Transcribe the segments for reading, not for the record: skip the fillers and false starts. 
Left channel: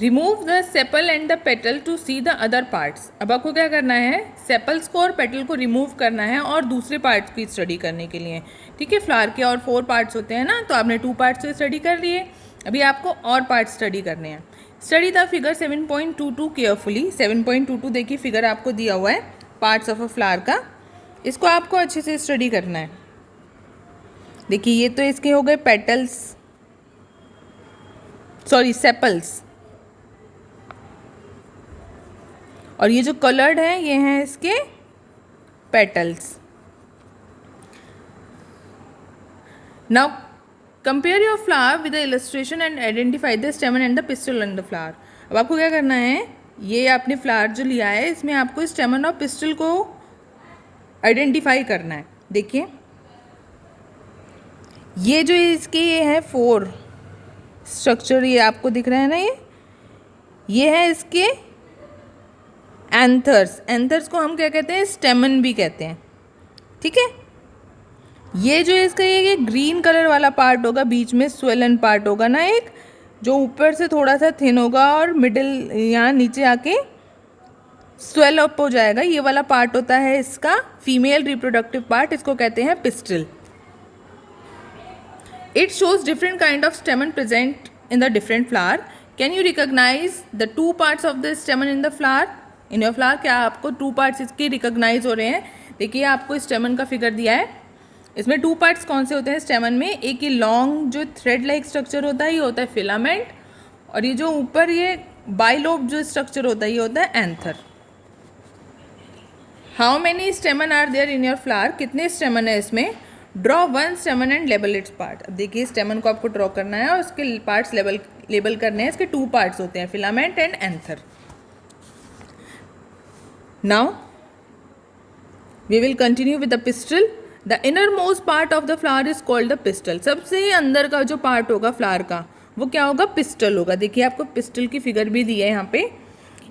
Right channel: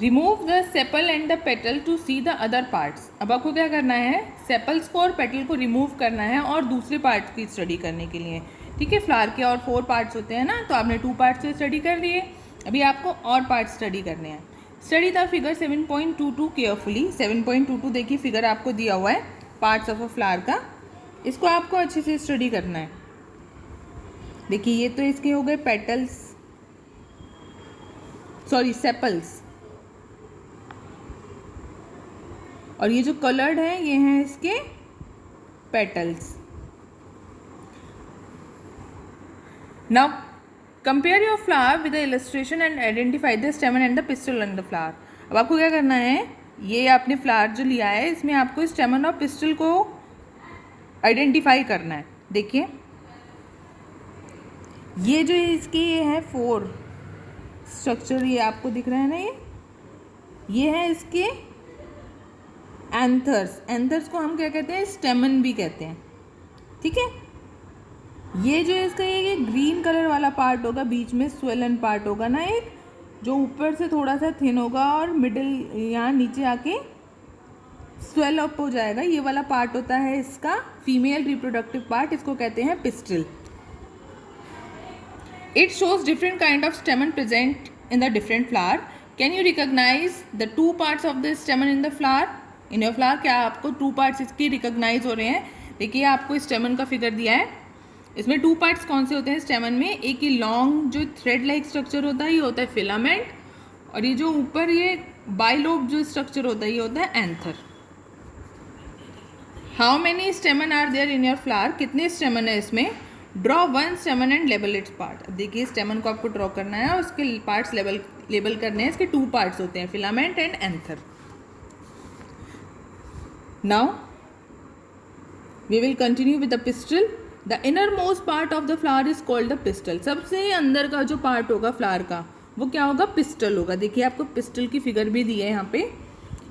Remove the sepal and the petal to see the other parts. अब आपको क्या करना है, सेपल्स को और पेटल को रिमूव करना है और दूसरे पार्ट्स की स्टडी करने के लिए। ठीक है, फ्लावर के और 4 पार्ट्स होते हैं ना, तो आपने 2 पार्ट्स की स्टडी कर लिए, अभी आपको और पार्ट्स स्टडी करने हैं। Study the figure 7.22 carefully. 7.22 देखिए फिगर आपको दिया हुआ है पार्ट्स ऑफ अ फ्लावर का, इसको आपको अच्छे से स्टडी करना है। देखिए ये तो इसके हो गए पेटल्स, सॉरी सेपल्स, और ये जो कलर्ड है ये हैं इसके petals. Now compare your flower with the illustration and identify the स्टेमन and the pistol on the flower. अब आपको क्या करना है, ये आपने फ्लावर जो लिया है इसमें आपको स्टेमन और पिस्टल को आइडेंटिफाई करना है। देखिए ये जो इसके ये है 4 स्ट्रक्चर, ये आपको दिख रहा है ना, ये है इसके एंथर्स। एंथर्स को हम क्या कहते हैं, स्टेमन भी कहते हैं। ठीक है, ये जो इसका ये ग्रीन कलर वाला पार्ट होगा, बीच में स्वेलन पार्ट होगा ना एक, जो ऊपर से थोड़ा सा थिन होगा और मिडिल यहाँ नीचे आके स्वेल अप हो जाएगा, ये वाला पार्ट होता है इसका फीमेल रिप्रोडक्टिव पार्ट, इसको कहते हैं pistil. It shows different kind of stamen present in the different flower. Can you recognise the 2 parts of the stamen in the flower? In your flower क्या आपको 2 पार्ट्स इसके recognise हो रहे हैं? देखिए आपको स्टेमन का फिगर दिया है, इसमें 2 पार्ट्स कौन से होते हैं स्टेमन में? एक ही लॉन्ग जो थ्रेड लाइक स्ट्रक्चर होता है ये होता है फिलामेंट, और ये जो ऊपर ये बाइलोब जो स्ट्रक्चर होता है ये होता है anther. How many stamen are there in your flower? कितने स्टेमन है इसमें? Draw 1 stamen and label its part. अब देखिए स्टेमन को आपको ड्रॉ करना है और उसके पार्ट्स लेबल करने हैं। इसके 2 पार्ट्स होते हैं, filament and anther. Now we will continue with the pistil. The inner most part of the flower is called the pistil. सबसे ही अंदर का जो पार्ट होगा फ्लावर का वो क्या होगा? पिस्टल होगा। देखिए आपको पिस्टल की फिगर भी दी है यहाँ पे।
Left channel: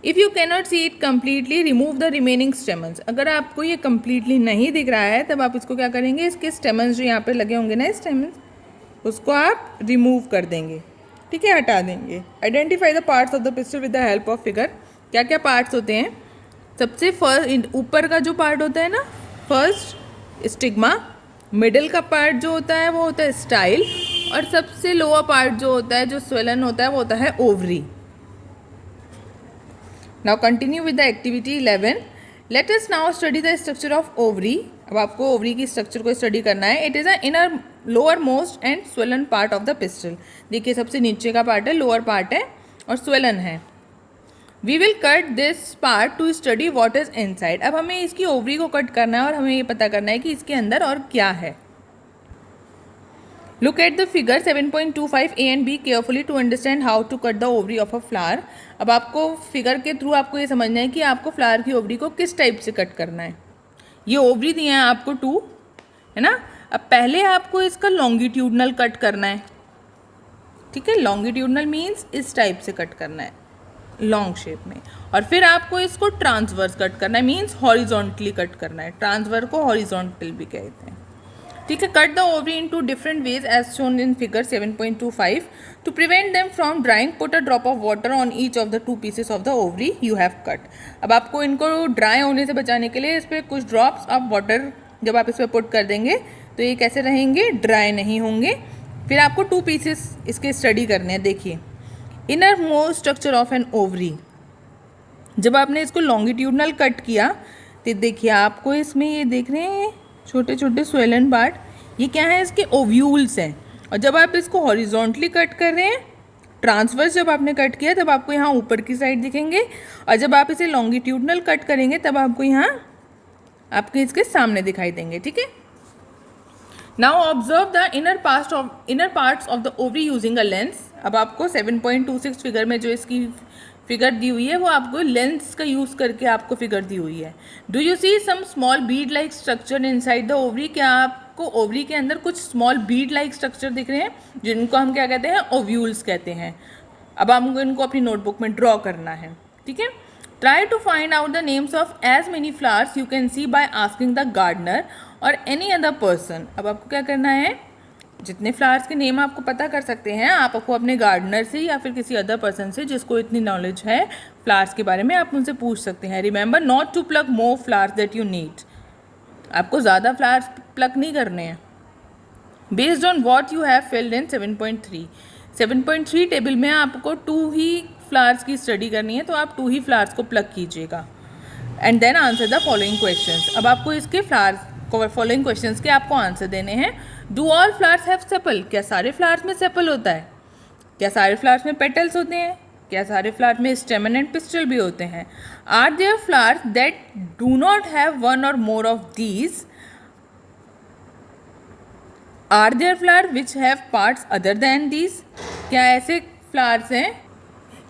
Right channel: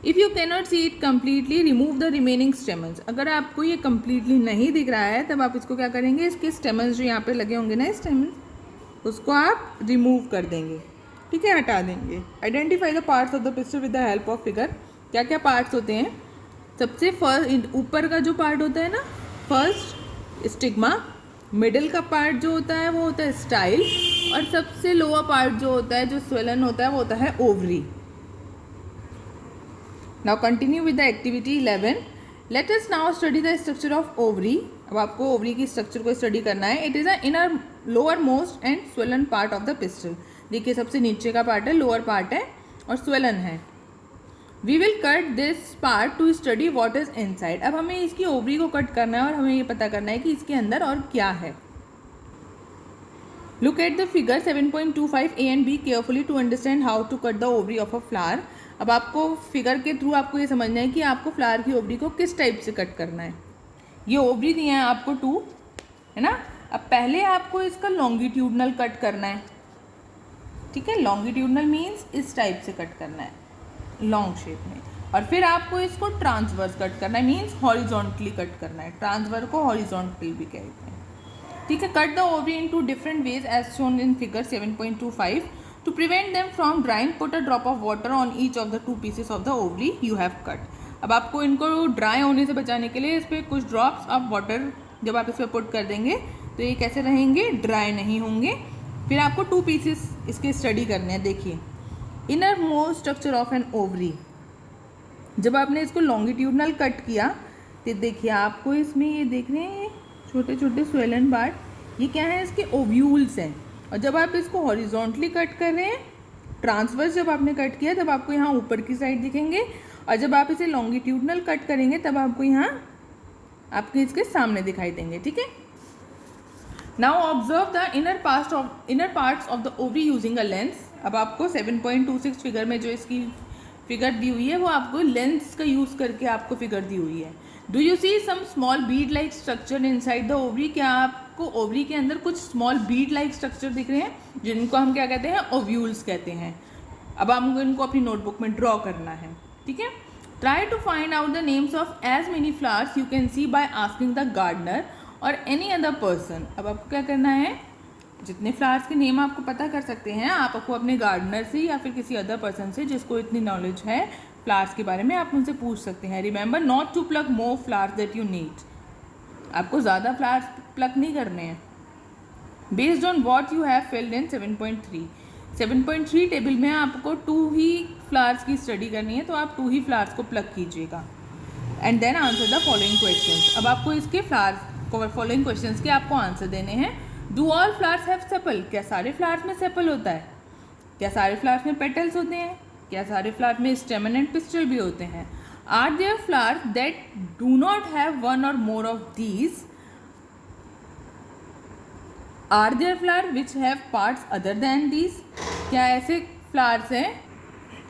If you cannot see it completely remove the remaining stamens. अगर आपको ये कम्प्लीटली नहीं दिख रहा है तब आप इसको क्या करेंगे, इसके स्टेमन्स जो यहाँ पे लगे होंगे ना स्टेमन्स, उसको आप रिमूव कर देंगे। ठीक है, हटा देंगे। Identify the parts of the pistol with the help of figure. क्या क्या पार्ट्स होते हैं? सबसे फर्स्ट ऊपर का जो पार्ट होता है ना, फर्स्ट स्टिग्मा, मिडिल का पार्ट जो होता है वो होता है स्टाइल, और सबसे लोअर पार्ट जो होता है जो स्वेलन होता है वो होता है ovary. Now continue with the activity 11। Let us now study the structure of ovary. अब आपको ओवरी की स्ट्रक्चर को स्टडी करना है। It is a inner lower most and swollen part of the pistol. देखिए सबसे नीचे का पार्ट है, लोअर पार्ट है और स्वेलन है। We will cut this part to study what is inside. अब हमें इसकी ओवरी को कट करना है और हमें ये पता करना है कि इसके अंदर और क्या है। Look at the figure 7.25 a and b carefully to understand how to cut the ovary of a flower. अब आपको फिगर के थ्रू आपको ये समझना है कि आपको फ्लावर की ओवरी को किस टाइप से कट करना है। ये ओवरी दिए हैं आपको 2, है ना। अब पहले आपको इसका लॉन्गिट्यूडनल कट करना है। ठीक है, लॉन्गिट्यूडनल मीन्स इस टाइप से कट करना है, लॉन्ग शेप में, और फिर आपको इसको ट्रांसवर्स कट करना है, मीन्स हॉरिजॉन्टली कट करना है। ट्रांसवर को हॉरिजॉन्टल भी कहते हैं। ठीक है, cut the ovary into different ways as shown in figure 7.25। To prevent them from drying put a drop of water on each of the 2 pieces of the ovary you have cut. अब आपको इनको dry होने से बचाने के लिए इस पर कुछ ड्रॉप्स ऑफ वाटर जब आप इस पर पुट कर देंगे तो ये कैसे रहेंगे, ड्राई नहीं होंगे। फिर आपको 2 पीसेस इसके स्टडी करने हैं। देखिए inner most structure of an ovary. जब आपने इसको लॉन्गिट्यूडनल कट किया तो देखिए आपको इसमें ये देख रहे हैं छोटे छोटे स्वेलन पार्ट, ये क्या है, इसके ओव्यूल्स हैं। और जब आप इसको हॉरिजॉन्टली कट कर रहे हैं, ट्रांसवर्स जब आपने कट किया तब आपको यहाँ ऊपर की साइड दिखेंगे, और जब आप इसे लॉन्गिट्यूडनल कट करेंगे तब आपको यहाँ आपके इसके सामने दिखाई देंगे। ठीक है, now observe the inner parts of the ovary using a lens. अब आपको 7.26 फिगर में जो इसकी फिगर दी हुई है वो आपको लेंस का यूज़ करके आपको फिगर दी हुई है। Do you see some small bead like structure inside the ovary? क्या आपको ओवरी के अंदर कुछ स्मॉल बीड लाइक स्ट्रक्चर दिख रहे हैं, जिनको हम क्या कहते हैं, ओव्यूल्स कहते हैं। अब हमको इनको अपनी नोटबुक में ड्रॉ करना है। ठीक है, try to find out the names of as many flowers you can see by asking the gardener or any other person. अब आपको क्या करना है, जितने फ्लावर्स के नेम आपको पता कर सकते हैं, आपको अपने गार्डनर से या फिर किसी अदर पर्सन से जिसको इतनी नॉलेज है फ्लावर्स के बारे में, आप उनसे पूछ सकते हैं. Remember not to pluck more flowers that you need. आपको ज़्यादा फ्लावर्स प्लक नहीं करने हैं. Based on what you have filled in 7.3 table में आपको 2 ही फ्लावर्स की स्टडी करनी है, तो आप 2 ही फ्लावर्स को प्लक कीजिएगा. And then answer the following questions. अब आपको इसके फ्लावर्स फॉलोइंग क्वेश्चंस के आपको आंसर देने हैं. Do all flowers have sepal? क्या सारे फ्लावर्स में सेपल होता है? क्या सारे फ्लावर्स में पेटल्स होते हैं? क्या सारे फ्लावर्स में स्टेमन एंड पिस्टल भी होते हैं? Are there flowers that do not have one और more of these? Are there flower which have parts other than these? क्या ऐसे फ्लावर्स हैं,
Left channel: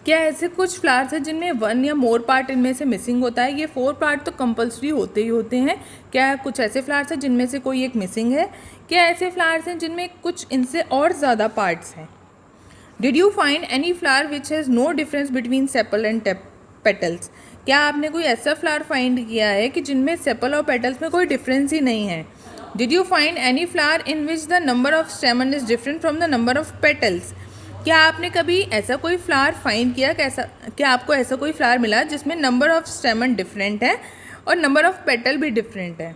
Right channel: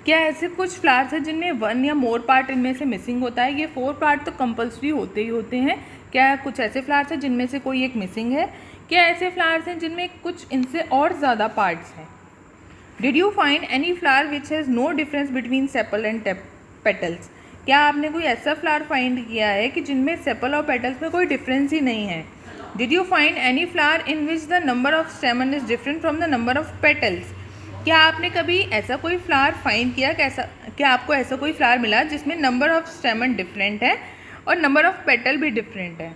क्या ऐसे कुछ फ्लावर्स हैं जिनमें 1 या मोर पार्ट इनमें से मिसिंग होता है? ये 4 पार्ट तो कंपल्सरी होते ही होते हैं. क्या कुछ ऐसे फ्लावर्स हैं जिनमें से कोई एक मिसिंग है? क्या ऐसे फ्लावर्स हैं जिनमें कुछ इनसे और ज़्यादा पार्ट्स हैं? Did you find any flower which has no difference between sepal and petals? क्या आपने कोई ऐसा फ्लावर फाइंड किया है कि जिनमें सेपल और पेटल्स में कोई डिफरेंस ही नहीं है? Did you find any flower in which the number of स्टेमन is different from the number of petals? क्या आपने कभी ऐसा कोई फ्लावर फाइंड किया, क्या आपको ऐसा कोई फ्लावर मिला जिसमें नंबर ऑफ स्टेमन डिफरेंट है और नंबर ऑफ पेटल भी डिफरेंट है?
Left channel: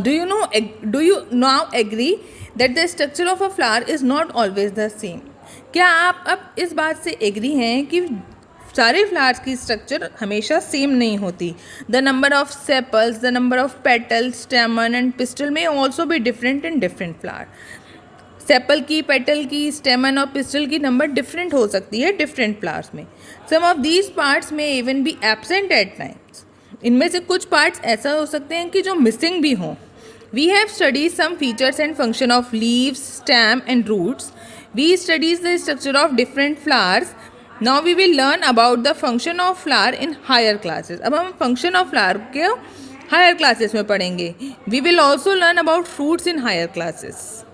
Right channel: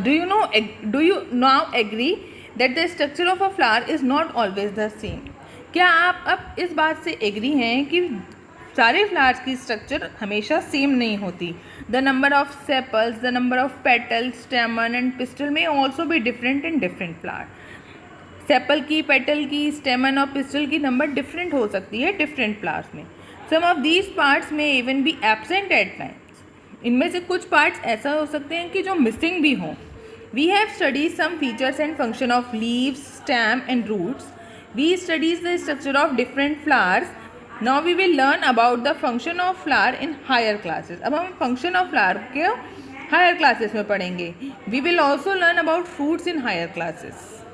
Do you now agree that the structure of a flower is not always the same? क्या आप अब इस बात से एग्री हैं कि सारे फ्लावर्स की स्ट्रक्चर हमेशा सेम नहीं होती? The number of sepals, the number of petals, स्टेमन and pistol में ऑल्सो भी different in different flower. Sepal की, पेटल की, स्टेमन और पिस्टल की नंबर डिफरेंट हो सकती है डिफरेंट फ्लावर्स में. सम ऑफ दीज पार्ट्स में even be absent at times. इनमें से कुछ पार्ट्स ऐसा हो सकते हैं कि जो मिसिंग भी हों. We have studies some features and function of leaves, stem and roots. We studies the structure of different flowers. Now we will learn about the function of flower in higher classes. अब हम function of flower के higher classes में पढ़ेंगे. We will also learn about fruits in higher classes.